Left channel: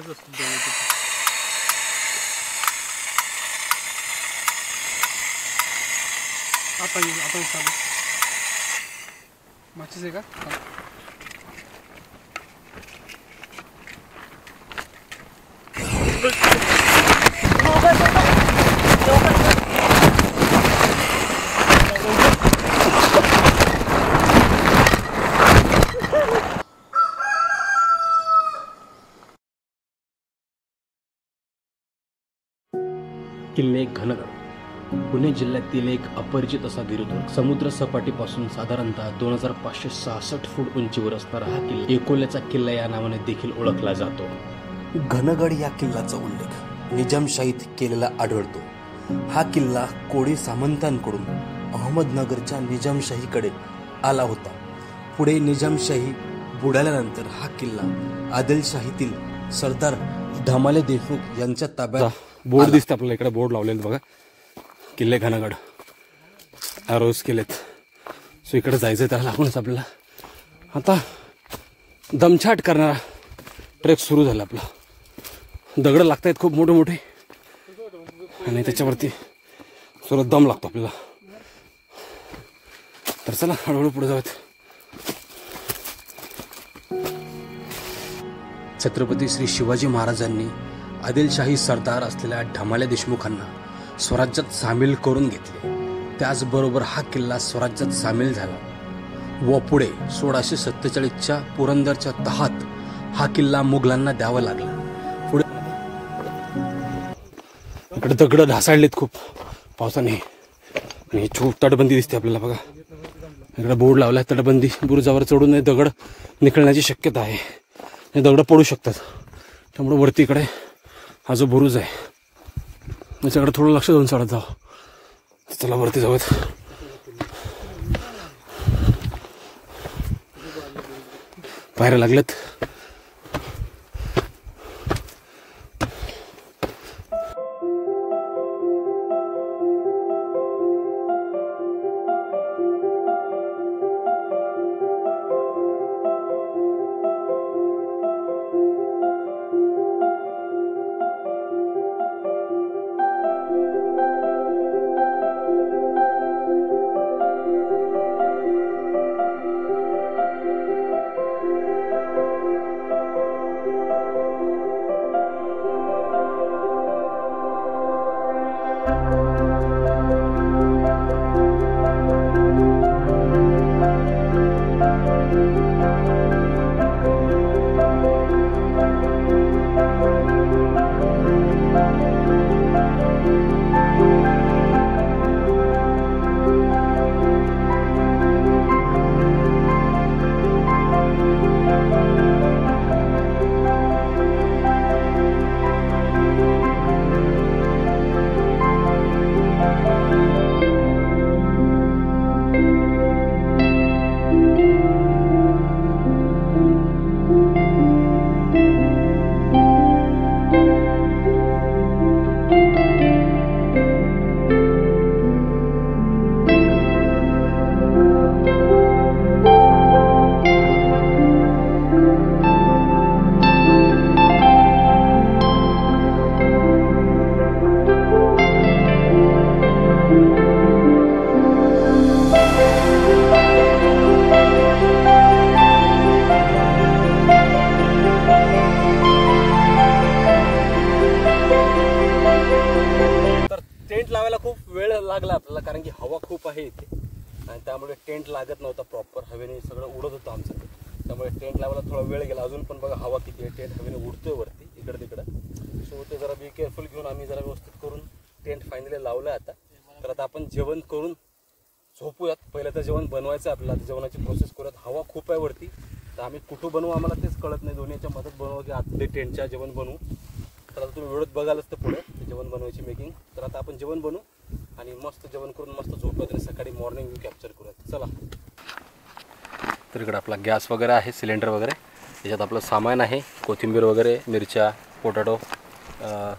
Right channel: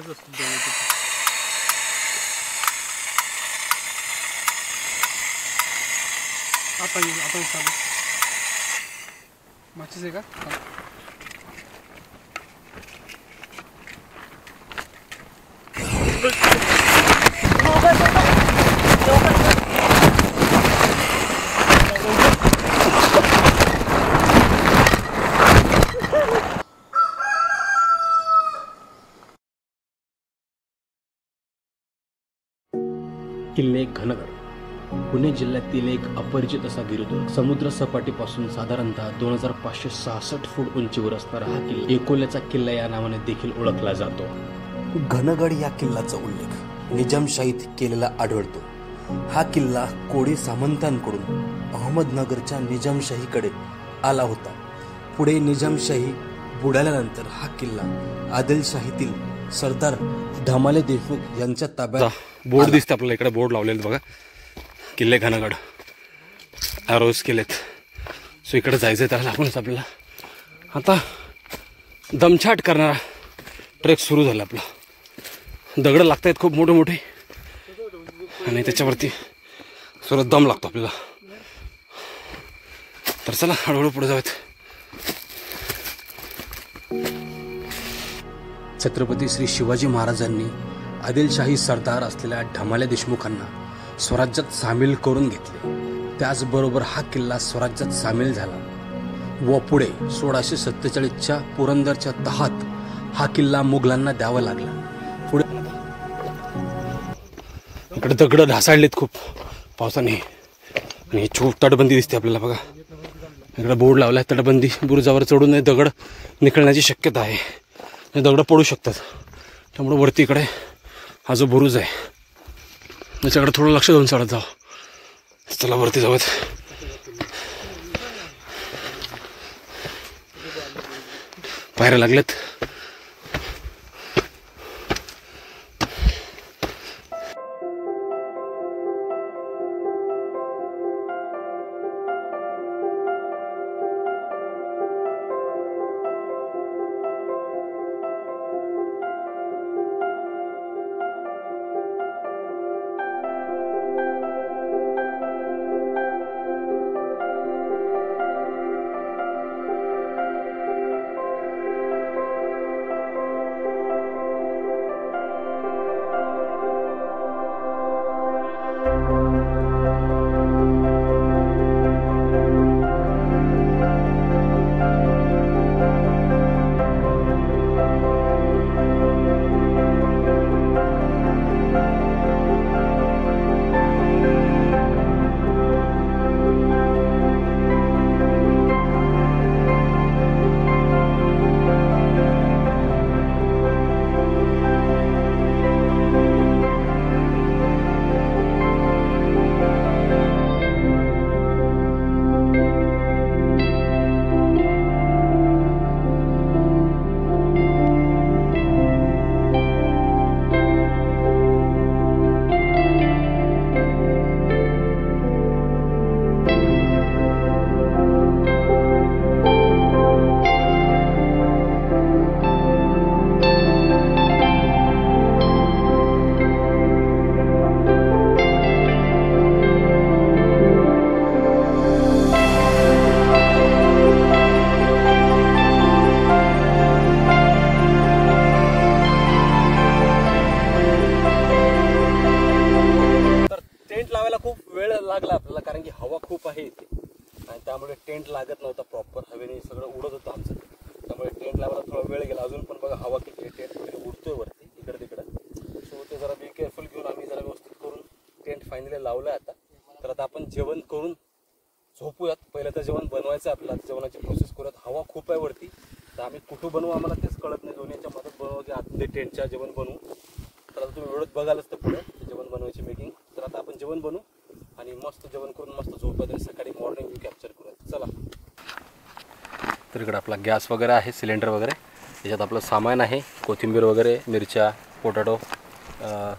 छोटाच असतो जवळ. आपण चालू माचीस आहे का? किल्ले घनगड पुणे जिल्ह्यातील एक अपरिचित असा गिरिदुर्ग. समुद्र सपाटीपासून साधारणतः 2566 फूट उंचीवर असणारा हा किल्ला एकोल्याचा किल्ला या नावाने देखील ओळखला जातो. घनगड या किल्ल्याचा उल्लेख निजामशाहीत केलेला आढळतो. हा किल्ला कोळी सामंतांकडून अहमदनगरच्या निजामशाहीकडे आला होता. पुढे निजामशाही बुडाल्यानंतर हा किल्ला आदिलशाहीतील सरदार धमाले देशमुख यांच्या ताब्यात. बोर्ड दिसते आपल्याला इकडे, बोर्ड लावलेले बघा, किल्ले घनगड आरोज केलेत. सो इकडे जायचं आहे, त्याला आपणच आपल्याला आता दमछाट करणारा ट्रेक सुरू झाला. आपला दगड लागत आहेत खूप मोठे मोठे आणि त्याच्यावरती सर्व दम लागतो आपल्याला. तर चला हळूहळू पुढे जाऊयात. छत्रपती श्री शिवाजी महाराजांनी आदिलशाही सरदार असलेल्या धमाले देशमुखांना स्वराज्यात सामील करून घेतले. त्याचबरोबर हा किल्ला स्वराज्यात सामील झाला व पुढे 1647च्या पुरंदरच्या तहात हा किल्ला मुघलांना द्यावा लागला. पुढे इकडे दगड ढासाळलेत खूप पावसाने आणि छोट तटबंदी दिसते आपल्याला बघा. इकडे बोर्ड लावलाय तटबंदी. बुरुजावर चढून दगड निघण्याची शक्यता आहे. हे दगड पडू शकतात, त्यामुळे वरती इकडे हा जो बुरुज आहे त्याच्याकडे थोडं लक्ष देऊन चढत जाऊ. चला वरती जाऊयात. पायऱ्या लागल्यात. लागला आपल्याला, कारण की हवा खूप आहे इथे आणि त्यामुळे टेंट लागत नव्हता प्रॉपर. हवेने सगळं उडत होतं आमचं, त्यामुळे टेंट लावायला थोडा वेळ गेला. अजून पण बघा हवा किती आहे, टेंट वगैरे उडतोय वरती इकडे तिकडं. सो ते जरा बी केअरफुल घेऊन आम्ही जरा व्यवस्थित करून टेंट फायनली लावलं आता. तर आता आपण जेवण करून झोपूयात. पहिलं तर जेवण बनवायचं आपल्याला, जेवणाची प्रोसेस करूयात. हवा खूप आहे वरती, तर आम्ही कुठं बनवू आम्हाला तेच कळत नाही. दोन्हीच्या मदत बनवू की आतले टेंटच्या जेवण बनवू. तर आता तुम्ही व्हिडिओत बघालच तर पुढे जेवण बनवायची मेकिंग. तर आता आपण जेवण बनवू आणि मस्त जेवण करून मस्त झोपूयात आणि सकाळी मॉर्निंग व्ह्यू कॅप्चर करूयात. चला. तर इकडे आपला गॅस वगैरे आहे, सिलेंडर वगैरे. त्याच्यात आपलं सामान आहे, कोथिंबीर वगैरे, मिरच्या, पोटॅटो,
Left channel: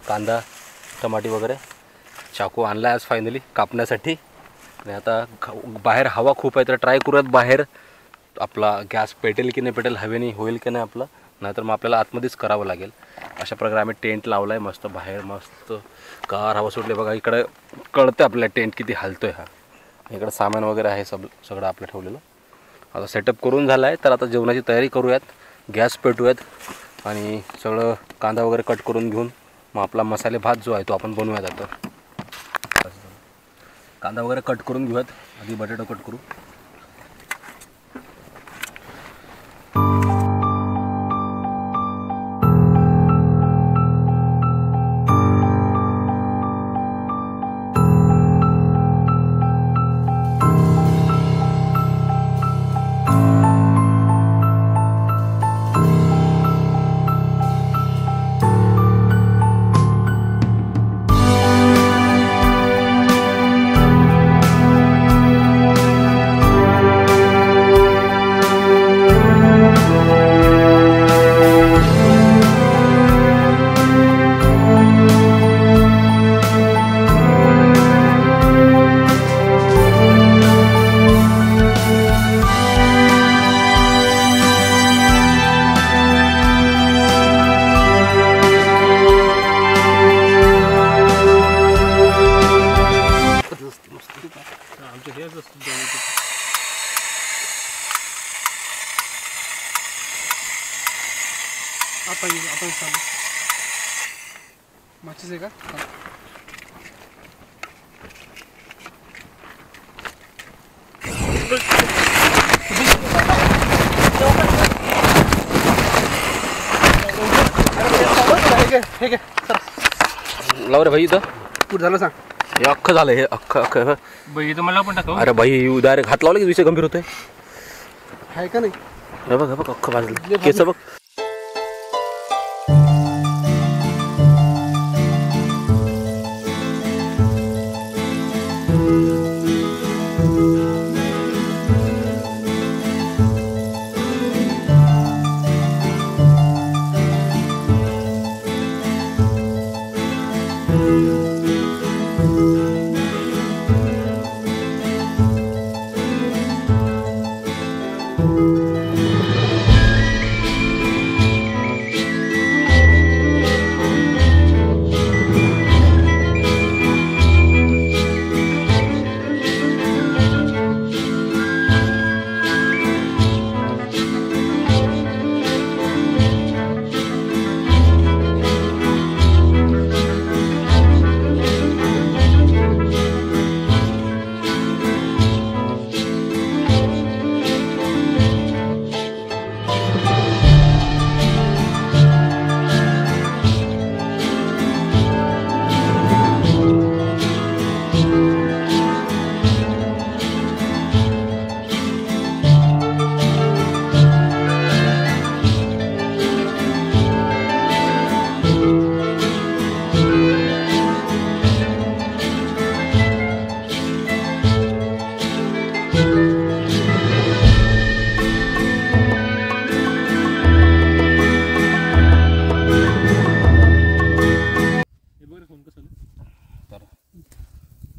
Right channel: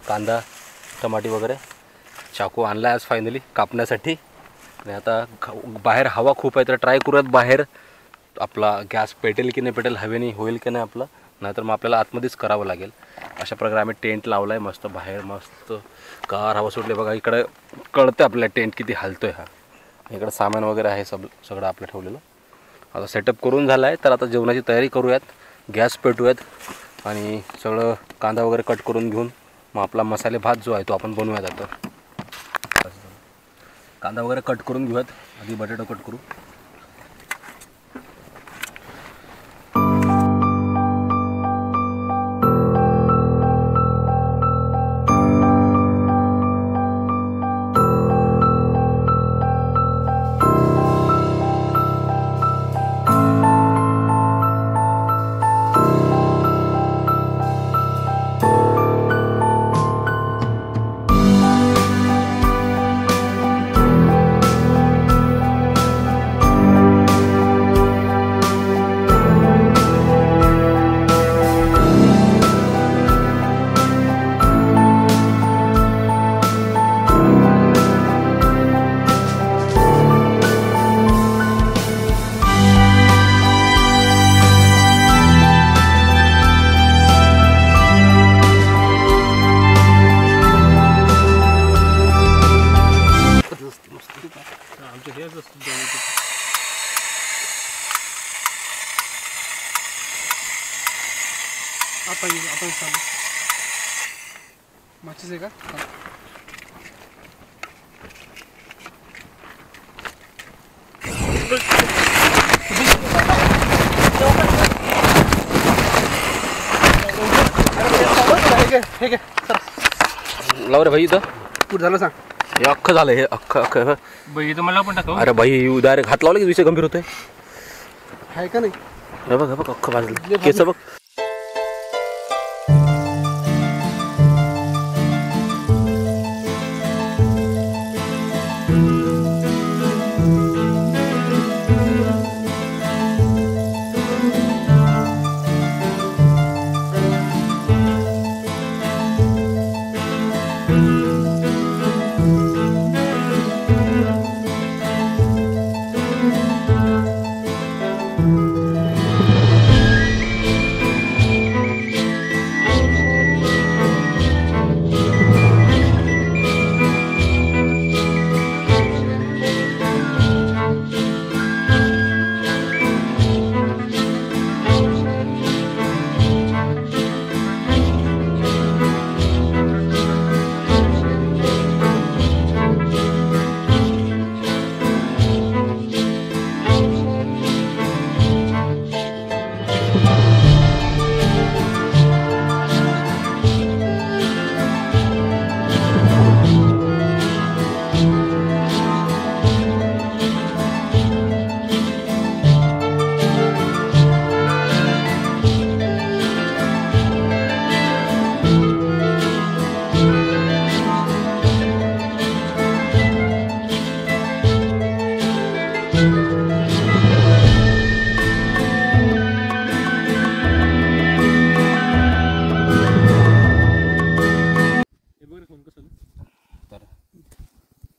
कांदा, टमाटी वगैरे. चाकू आणला आज फायनली कापण्यासाठी. आणि आता बाहेर हवा खूप आहे, तर ट्राय करूयात बाहेर आपला गॅस पेटेल की नाही पेटेल, हवेने होईल की नाही आपलं नाहीतर मग आपल्याला आतमध्येच करावं लागेल. अशा प्रकारे आम्ही टेंट लावला आहे. मस्त बाहेर मस्त गार हवा सुटली बघा. इकडं कळतं आपल्याला टेंट किती हलतोय हा. इकडं सामान वगैरे आहे सगळं आपलं ठेवलेलं. आता सेटअप करून झाला आहे, तर आता जेवणाची तयारी करूयात. गॅस पेटूयात आणि सगळं कांदा वगैरे कट करून घेऊन मग आपला मसाले भात जो आहे तो आपण बनवूयात. आता कांदा वगैरे कट करून घेऊयात. आधी बटाटा कट करू. आता चालू माचीस आहे का? लाव रे भाई. इथं कुठं झालं सांग. हे अख्खं झालं. हे अख्खं बाई तर मला पण टाकव. अरे भाई उदारे हात लावला की विषय गंभीर होतोय. आहे का नाही? हे बघ अख्खं भाजलं. केस बघ.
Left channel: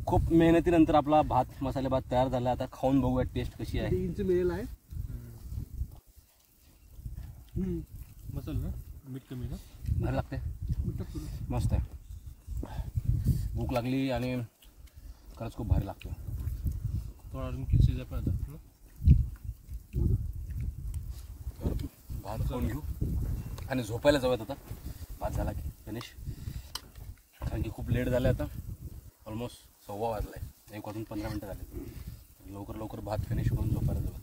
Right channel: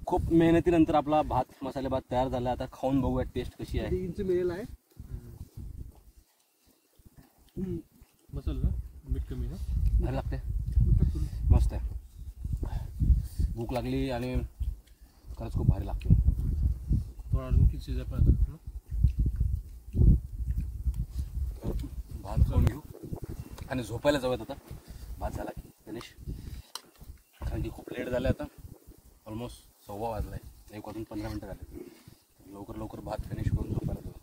खूप मेहनतीनंतर आपला भात मसाले भात तयार झाला. आता खाऊन बघूया टेस्ट कशी आहे. इंच मिळेल आहे मसाला ना मीठ कमी ना भारी लागते. मस्त आहे. भूक लागली आणि खरंच खूप भारी लागते. थोडा अजून किती शिजाय पाहिजे. भात खाऊन घेऊ आणि झोपायला जाऊयात. आता भात झाला की गणेश, कारण की खूप लेट झालं. आता ऑलमोस्ट 1:15 वाजला आहे. 1:15 झाले. लवकर भात फिनिश करून झोपायला जाऊ.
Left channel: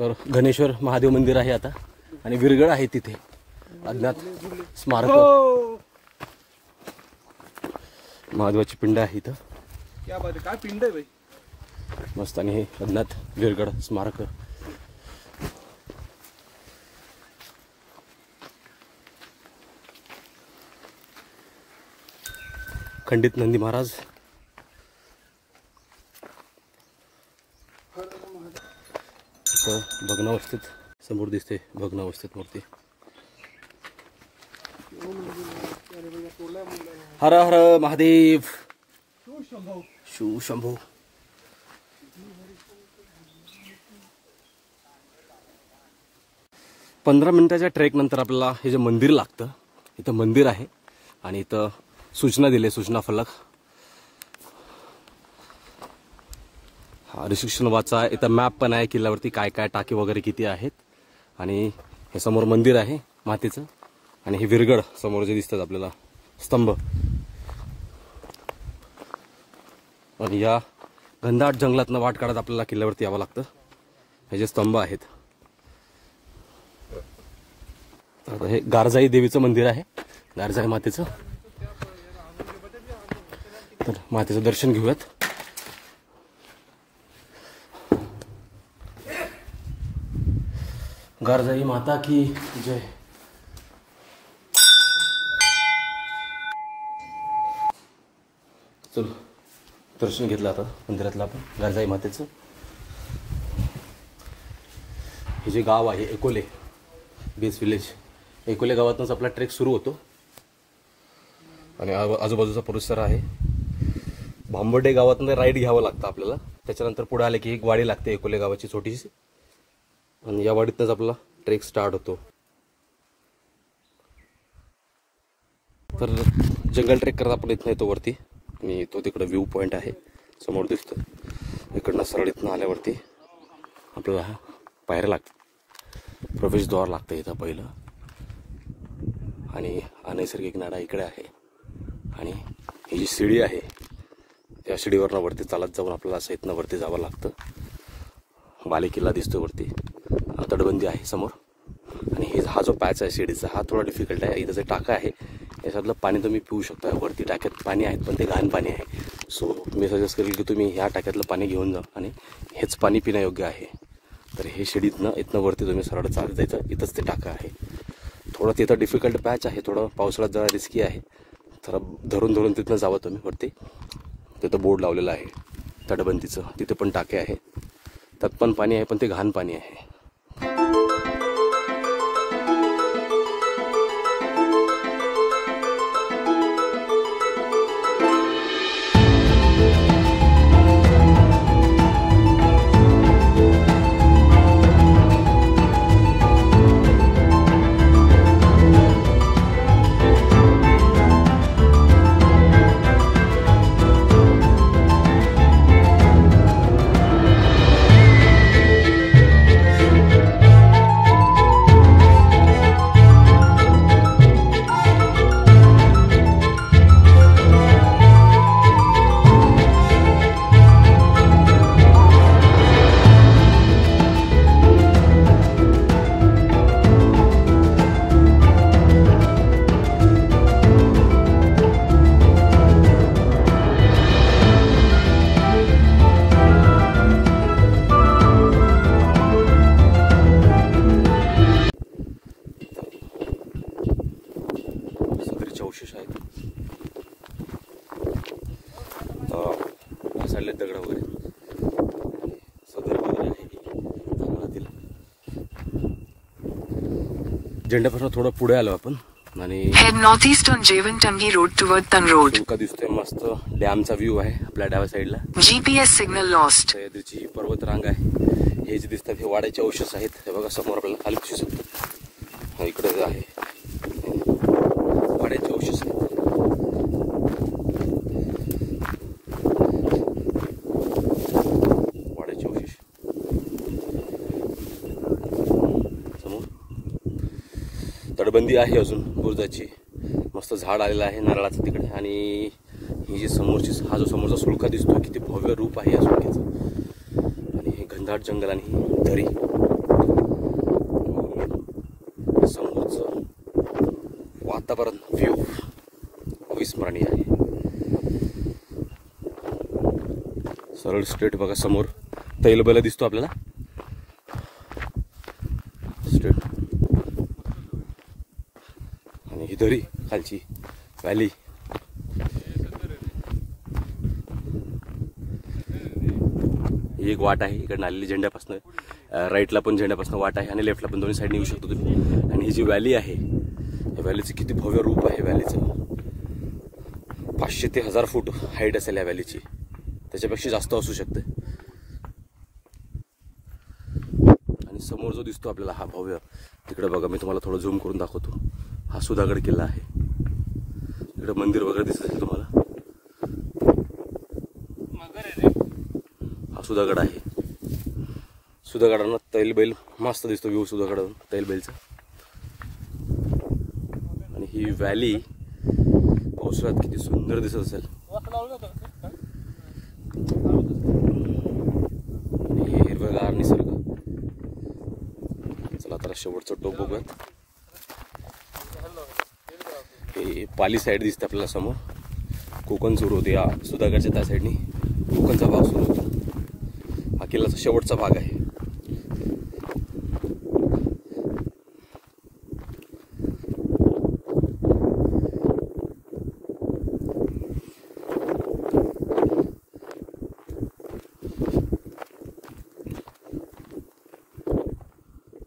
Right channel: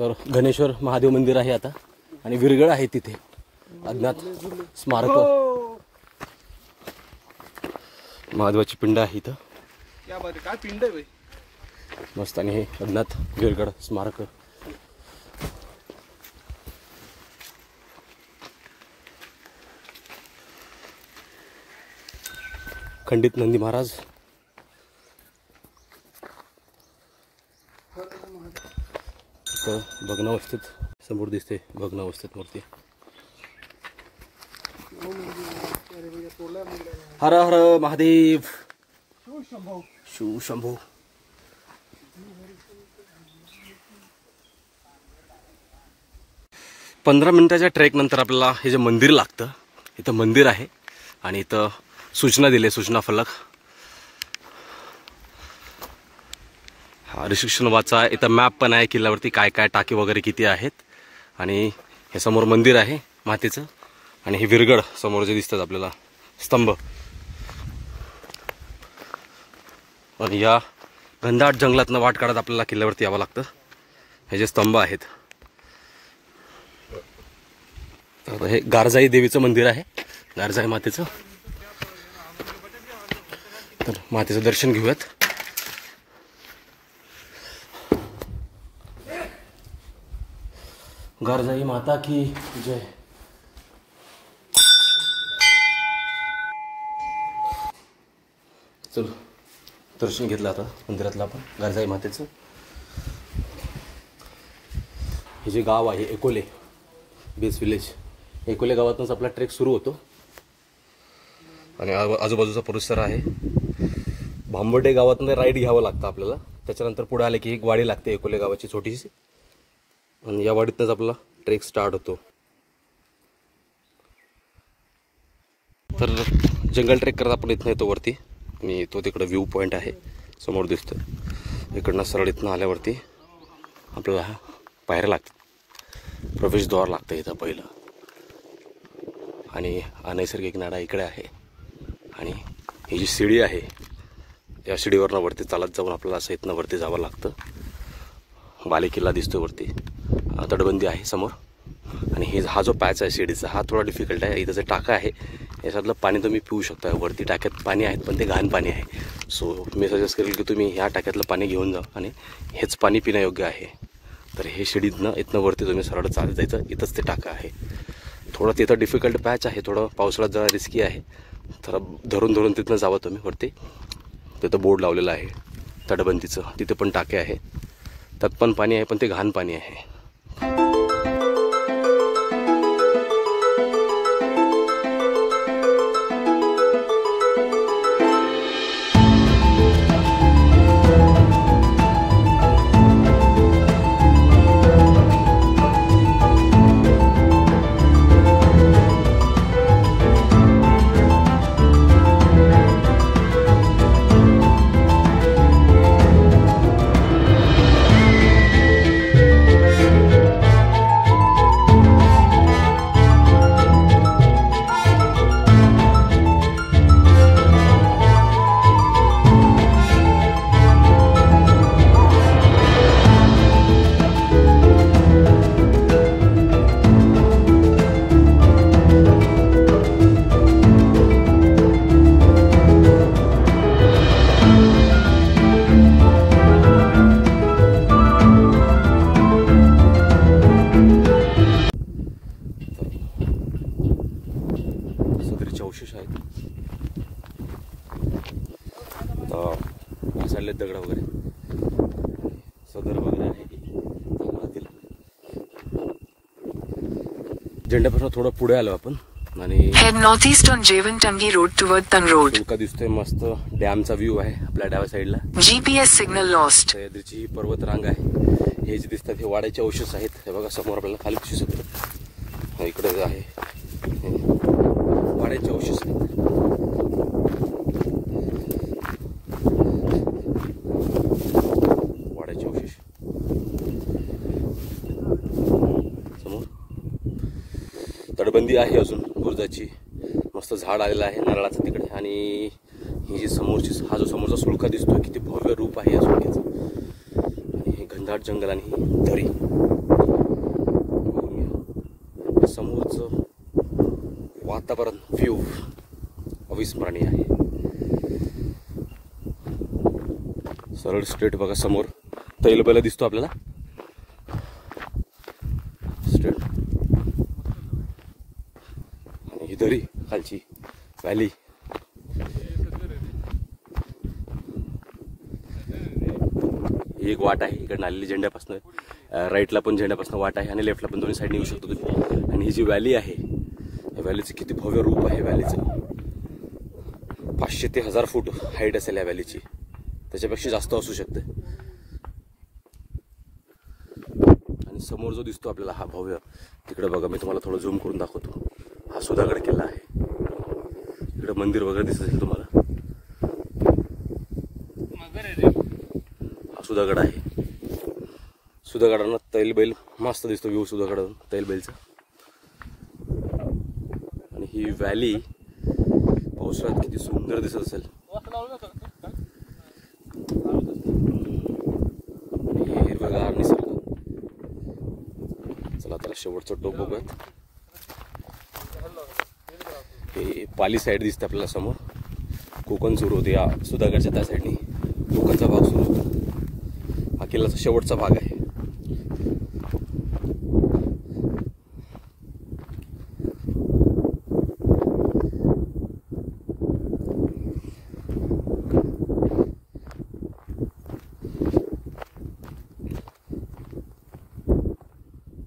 सर गणेश्वर महादेव मंदिर आहे आता आणि विरगळ आहे तिथे अज्ञात स्मारक महादेवाची पिंड आहे इथं. क्या बात आहे, काय पिंड आहे बाई. मस्त. आणि हे अज्ञात विरगळ स्मारक. खंडित नंदी महाराज. इथं भग्नावस्थेत समोर दिसते भग्नावस्थेत मूर्ती. हर हर महादेव. शिव शंभो. पंधरा मिनिटाच्या ट्रेक नंतर आपल्याला हे जे मंदिर लागतं. इथं मंदिर आहे आणि इथं सूचना दिली, सूचना फलक. हा रिस्ट्रिक्शन वाचा. इथं मॅप पण आहे किल्ल्यावरती काय काय टाके वगैरे किती आहेत. आणि हे समोर मंदिर आहे मातीचं आणि हे विरगड समोर जे दिसतात आपल्याला स्तंभ. आणि या घनदाट जंगलातनं वाट काढत आपल्याला किल्ल्यावरती यावं लागतं. हे जे स्तंभ आहेत. तर हे गारजाई देवीचं मंदिर आहे, गारजाई मातेचं. तर मातेचं दर्शन घेऊयात. गारजाई माता की जय. चलो दर्शन घेतलं आता मंदिरातलं आपण गारजाई मातेचं. हे जे गाव आहे एकोले बेस विलेज, एकोले गावातूनच आपला ट्रेक सुरू होतो. आणि आजूबाजूचा परिसर आहे. भांबर्डे गावातून राईड घ्यावं लागतं आपल्याला. त्याच्यानंतर पुढे आले की एक वाडी लागते एकोले गावाची छोटीशी. आणि या वाडीतनंच आपला ट्रेक स्टार्ट होतो. तर जंगल ट्रेक करत आपण इथनं येतो वरती. आणि तो तिकडं व्ह्यू पॉईंट आहे समोर दिसतो. इकडनं सरळ इथनं आल्यावरती आपल्याला पायऱ्या लागतात. प्रवेशद्वार लागतं इथं पहिलं. आणि अनैसर्गिक नाडा इकडे आहे. आणि ही जी शिडी आहे या शिडीवरनं वरती चालत जाऊन आपल्याला असं इथनं वरती जावं लागतं. बालेकिल्ला दिसतो वरती. तटबंदी आहे समोर. आणि हा जो पॅच आहे शिडीचा हा थोडा डिफिकल्ट आहे. इथं जे टाका आहे याच्यातलं पाणी तुम्ही पिऊ शकता. वरती टाक्यात पाणी आहेत पण ते घाण पाणी आहे. सो मी सजेस्ट करेल की तुम्ही ह्या टाक्यातलं पाणी घेऊन जा आणि हेच पाणी पिण्यायोग्य आहे. तर हे शिडीतनं इथनं वरती तुम्ही सरळ चालत जायचं. इथंच ते टाका आहे. थोडं तिथं डिफिकल्ट पॅच आहे. थोडं पावसाळ्यात जरा रिस्की आहे. तर धरून धरून तिथनं जावं तुम्ही वरती. तिथं बोर्ड लावलेलं आहे तटबंदीचं. तिथे पण टाके आहे. त्यात पण पाणी आहे पण ते घाण पाणी आहे. अवशेष आहेत. चालले दगड वगैरे सदर भाग आहे. झेंड्यापासून थोडं पुढे आलो आपण आणि Head northeast on Jeevantangi Road toward Tan Road. तुमका दिसतोय मस्त डॅमचा व्ह्यू आहे आपल्या डाव्या साईडला. GPS signal lost. सह्याद्रीची पर्वत रांग आहे. हे जे दिसतात हे वाड्याचे अवशेष आहेत. हे बघा समोर आपल्याला खाली दिसू शकतो. इकडे आहे वाड्याचे अवशेष आहेत. वाड्याचे अवशेष समोर. तटबंदी आहे अजून बुरुजाची. मस्त झाड आलेलं आहे नारळाचं तिकडे. आणि ही जी समोरची हा जो समोरचा सुळका दिसतोय किती भव्य रूप आहे या सुळक्याचं. आणि हे घनदाट जंगल आणि ही दरी. समोरचं वातावरण व्ह्यू अविस्मरणीय आहे. सरळ स्ट्रेट बघा, समोर तैलबैल दिसतो आपल्याला स्ट्रेट, आणि ही दरी खालची व्हॅली. ही एक वाट आहे इकडे आलेली झेंड्यापासून, राईटला पण झेंड्यापासून वाट आहे आणि लेफ्टला पण दोन्ही साईडने येऊ शकतो तुम्ही. आणि ही जी व्हॅली आहे, या व्हॅलीचं किती भव्य रूप आहे. व्हॅलीचं 500 ते 1000 फूट हाईट असेल या व्हॅलीची, त्याच्यापेक्षा जास्त असू शकते. आणि समोर जो दिसतो आपल्याला हा भव्य, तिकडे बघा मी तुम्हाला थोडं झूम करून दाखवतो. हा सुधागड किल्ला आहे. इकडे मंदिर वगैरे दिसत असेल तुम्हाला. हा सुधागड आहे. सुधागडानं तैलबैल मस्त दिसतो व्ह्यू सुधागडावरून तैलबैलचा. आणि ही व्हॅली पावसाळ्यात किती सुंदर दिसत असेल. आणि हे हिरवगार निसर्ग. चला आता शेवटचं टोक बघूयात. हे पाली साईड दिसते आपल्याला समोर. कोकण सुरू होते या सुधागडच्या त्या साईडनी कोकणचा भाग सुरू होतो. हा किल्ल्याचा शेवटचा भाग आहे.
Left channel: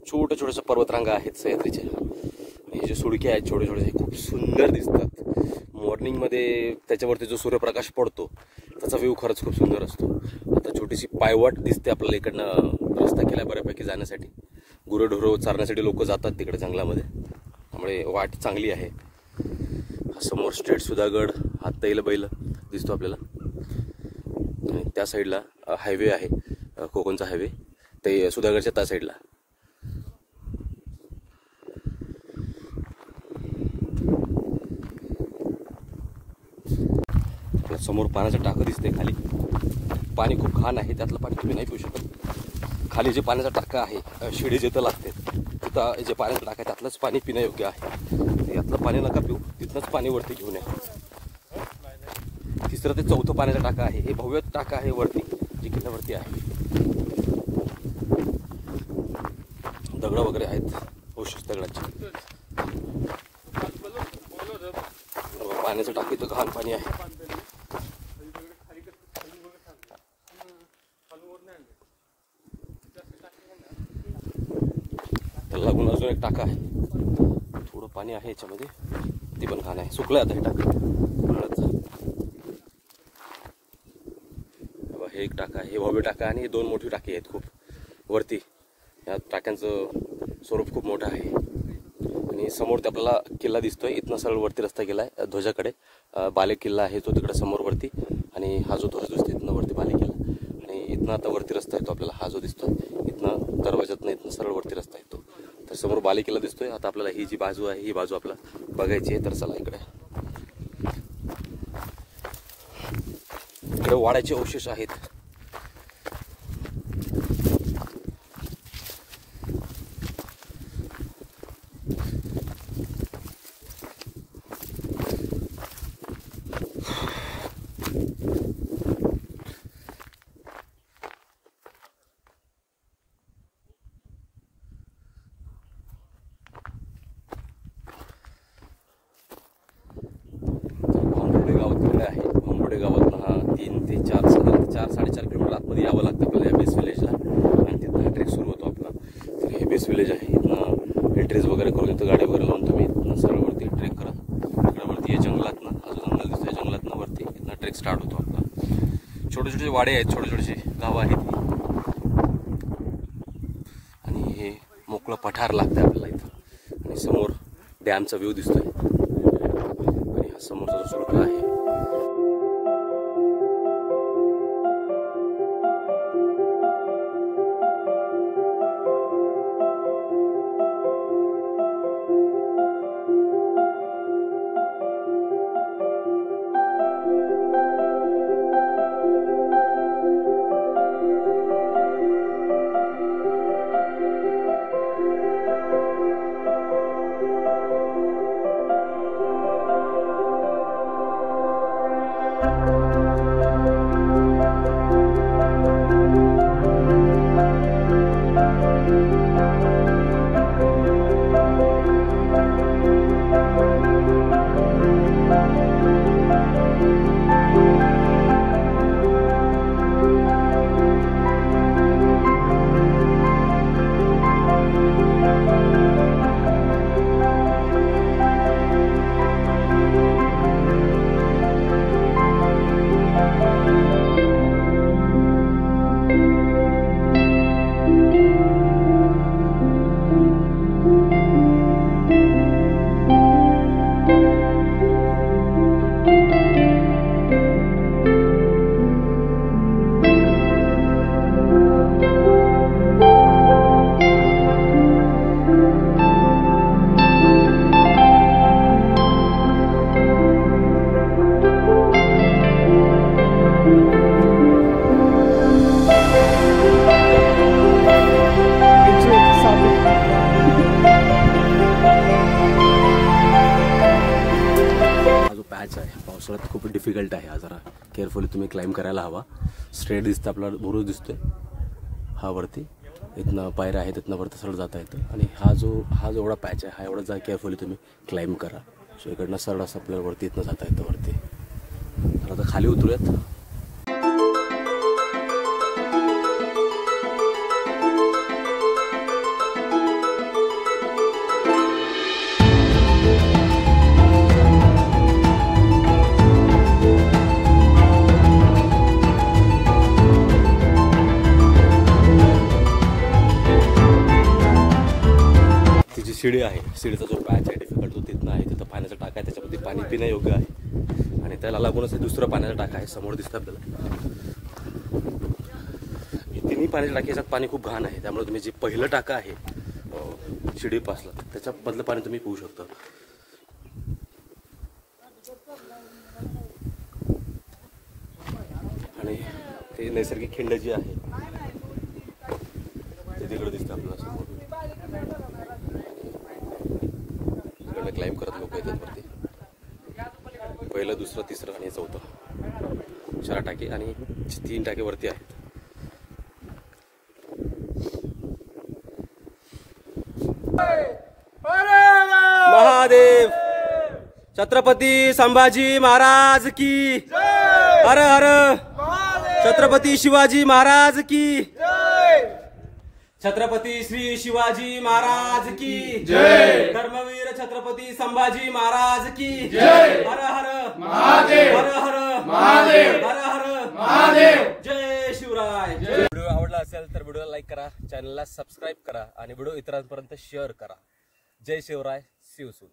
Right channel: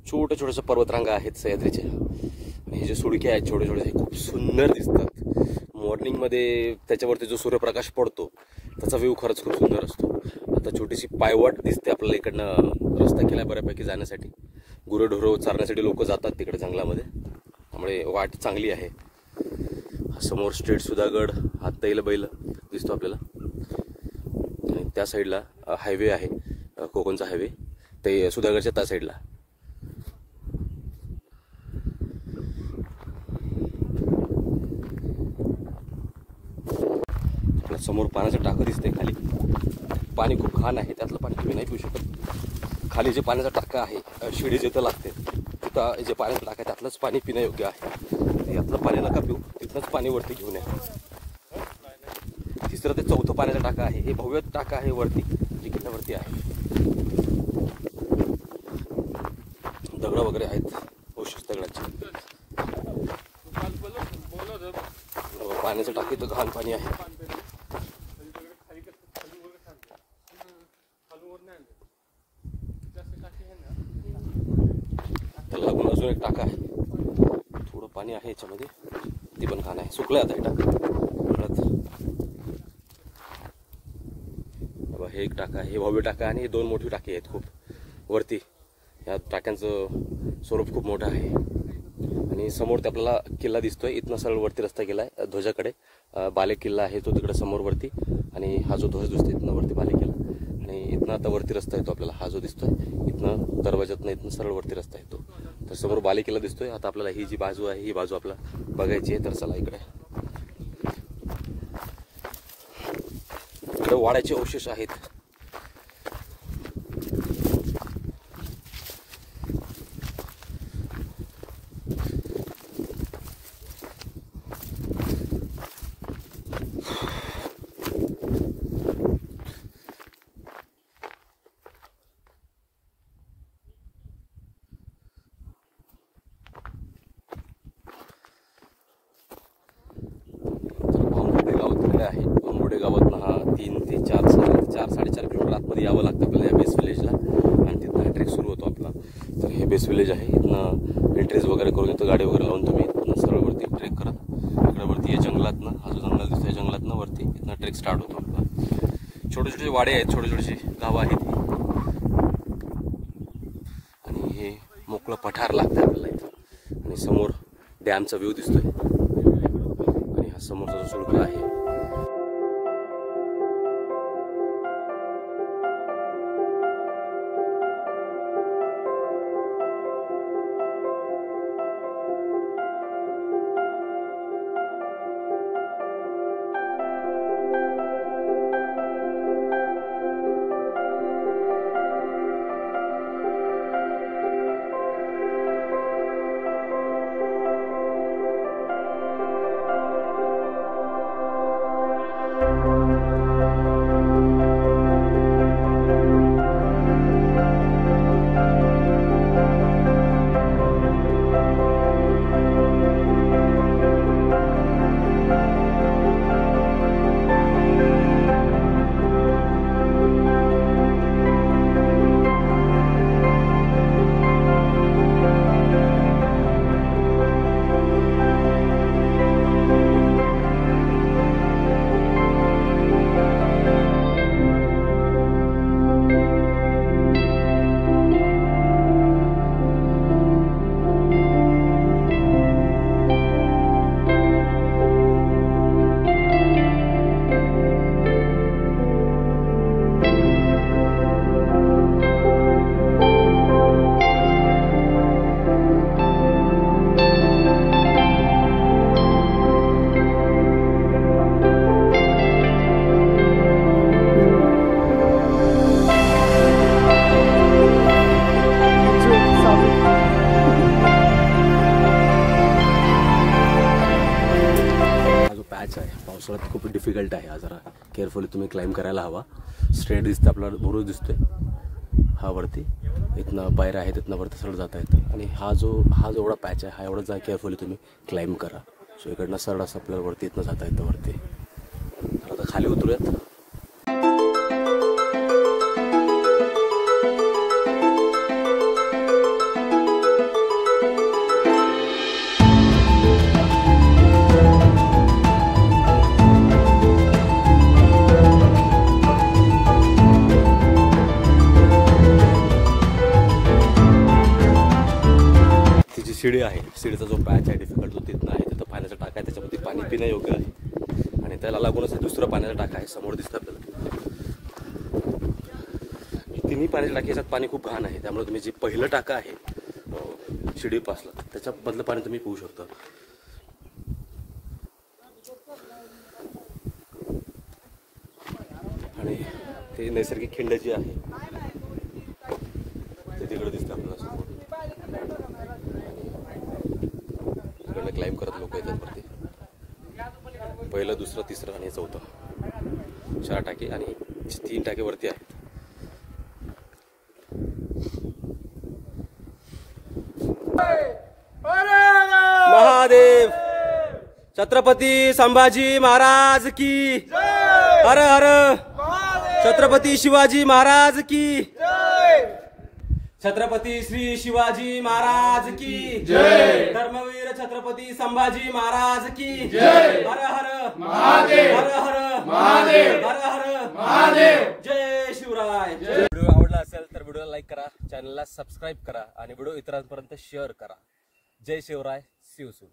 छोट्या छोट्याशा पर्वतरांगा आहेत सह्याद्रीच्या. आणि हे जे सुडके आहेत छोटे छोटे, खूप सुंदर दिसतात. मॉर्निंगमध्ये त्याच्यावरती जो सूर्यप्रकाश पडतो त्याचा व्ह्यू खरंच खूप सुंदर असतो. आता छोटीशी पायवाट दिसते आपल्याला, इकडनं रस्ता केला बऱ्यापैकी जाण्यासाठी. गुरंढोरं चारण्यासाठी लोक जातात तिकडे जंगलामध्ये, त्यामुळे वाट चांगली आहे. समोर स्ट्रेट सुधागड, हा तैलबैल दिसतो आपल्याला. आणि त्या साईडला हायवे आहे, कोकणचा हायवे, ते सुधागडच्या त्या साईडला. समोर पाण्याचं टाकं दिसतंय. खाली पाणी खूप घाण आहे, त्यातलं पाणी तुम्ही नाही पिऊ शकत. खाली जे पाण्याचा टाका आहे, शिडी जिथं लागते तिथं जे पाण्याचं टाका आहे त्यातलंच पाणी पिण्यायोग्य आहे. यातलं पाणी नका पिऊ, तिथनंच पाणी वरती घेऊन या. तिसरं ते चौथं पाण्याचा टाका आहे, हे भव्य टाका आहे वरती, जे किल्ल्यावरती आहे. दगड वगैरे आहेत, अवशेष दगडाचे. पाण्याचं टाकी तर घाण पाणी आहे. त्याला लागून अजून एक टाका आहे, थोडं पाणी आहे याच्यामध्ये, ती पण घाण आहे. सुकलं आता हे टाका. हे एक टाका आहे, हे भव्य टाका, आणि हे दोन मोठी टाकी आहेत खूप वरती. या टाक्यांचं स्वरूप खूप मोठं आहे. आणि समोर ते आपल्याला किल्ला दिसतोय. इथनं सरळ वरती रस्ता गेलाय ध्वजाकडे. बाले किल्ला आहे तो तिकडे समोर वरती, आणि हा जो ध्वज दिसतोय इथनं वरती बाले किल्ला. आणि इथनं आता वरती रस्ता येतो आपल्याला, हा जो दिसतोय इथनं दरवाजातनं इथनं सरळ वरती रस्ता येतो. तर समोर बाले किल्ला दिसतोय. आता आपल्याला ही जी बाजू आहे ही बाजू आपल्याला बघायची आहे. तर चला इकडे वाड्याचे अवशेष आहेत. आंबोडे गावातनं हा 3 ते 4 साडेचार किलोमीटर आतमध्ये यावं लागतं आपल्याला या बेस विलेजला. आणि तिथं हा ट्रेक सुरू होतो आपला. तर हे बेस विलेज आहे. इथनं एंट्रीज वगैरे करून इथं गाडी वगैरे लावून तुम्ही इथनं सरळवरती ट्रेक करत इकडे वरती या जंगलातनं, अजून अंदाज दिसतोय जंगलातनं वरती इथनं ट्रेक स्टार्ट होतो आपला. छोटे छोटे वाडे आहेत, छोटे छोटेशी गावं आहेत ही. आणि हे मोकळं पठार लागतं आपल्याला इथं. आणि समोर डॅमचा व्ह्यू दिसतोय. आणि हा समोरचा जो सुळका आहे, डिफिकल्ट आहे हा, जरा केअरफुली तुम्ही क्लाइंब करायला हवा. स्ट्रेट दिसतं आपल्याला, बुरुज दिसतोय हा वरती, इथनं पायऱ्या आहेत, तिथनं वरती सरळ जाता येतं. आणि हा जो एवढा पॅच आहे, हा एवढा जा केअरफुली तुम्ही क्लाइंब करा. सो इकडनं सरळ असं आपल्याला वरती इथनं जाता येतं वरती. तर आता खाली उतरूयात. शिडी आहे, शिडीचा जो पॅच आहे डिफिकल्ट, तो तिथनं आहे. तिथं पाण्याचा टाका आहे, त्याच्यामध्ये पाणी पिणं योग्य आहे. आणि त्याला लागूनच दुसरं पाण्याचा टाका आहे, समोर दिसतं आपल्याला. तिन्ही पाण्याच्या टाकीच्यात पाणी खूप घाण आहे, त्यामुळे तुम्ही जे पहिलं टाका आहे शिडीपासला, त्याच्यामधलं पाणी तुम्ही पिऊ शकता. आणि ते नैसर्गिक खिंड जी आहे ते तिकडे दिसतं आपल्याला समोर. क्लाइंब करत लोक येतात वरती. पहिलं, दुसरं, तिसरं आणि चौथं 4 टाके आणि 3 टाके वरती आहेत. महादेव छत्रपती संभाजी महाराज की हर हर. छत्रपती शिवाजी महाराज की छत्रपती श्री शिवाजी महाराज की जय. धर्मवीर छत्रपती संभाजी महाराज की जय. हर हर महादेव, हर हर महादेव, हर हर महादेव. जय शिवराय. व्हिडिओ आवडला असेल तर व्हिडिओला लाईक करा, चॅनलला सबस्क्राईब करा आणि व्हिडिओ इतरांपर्यंत शेअर करा. जय शिवराय. See you soon.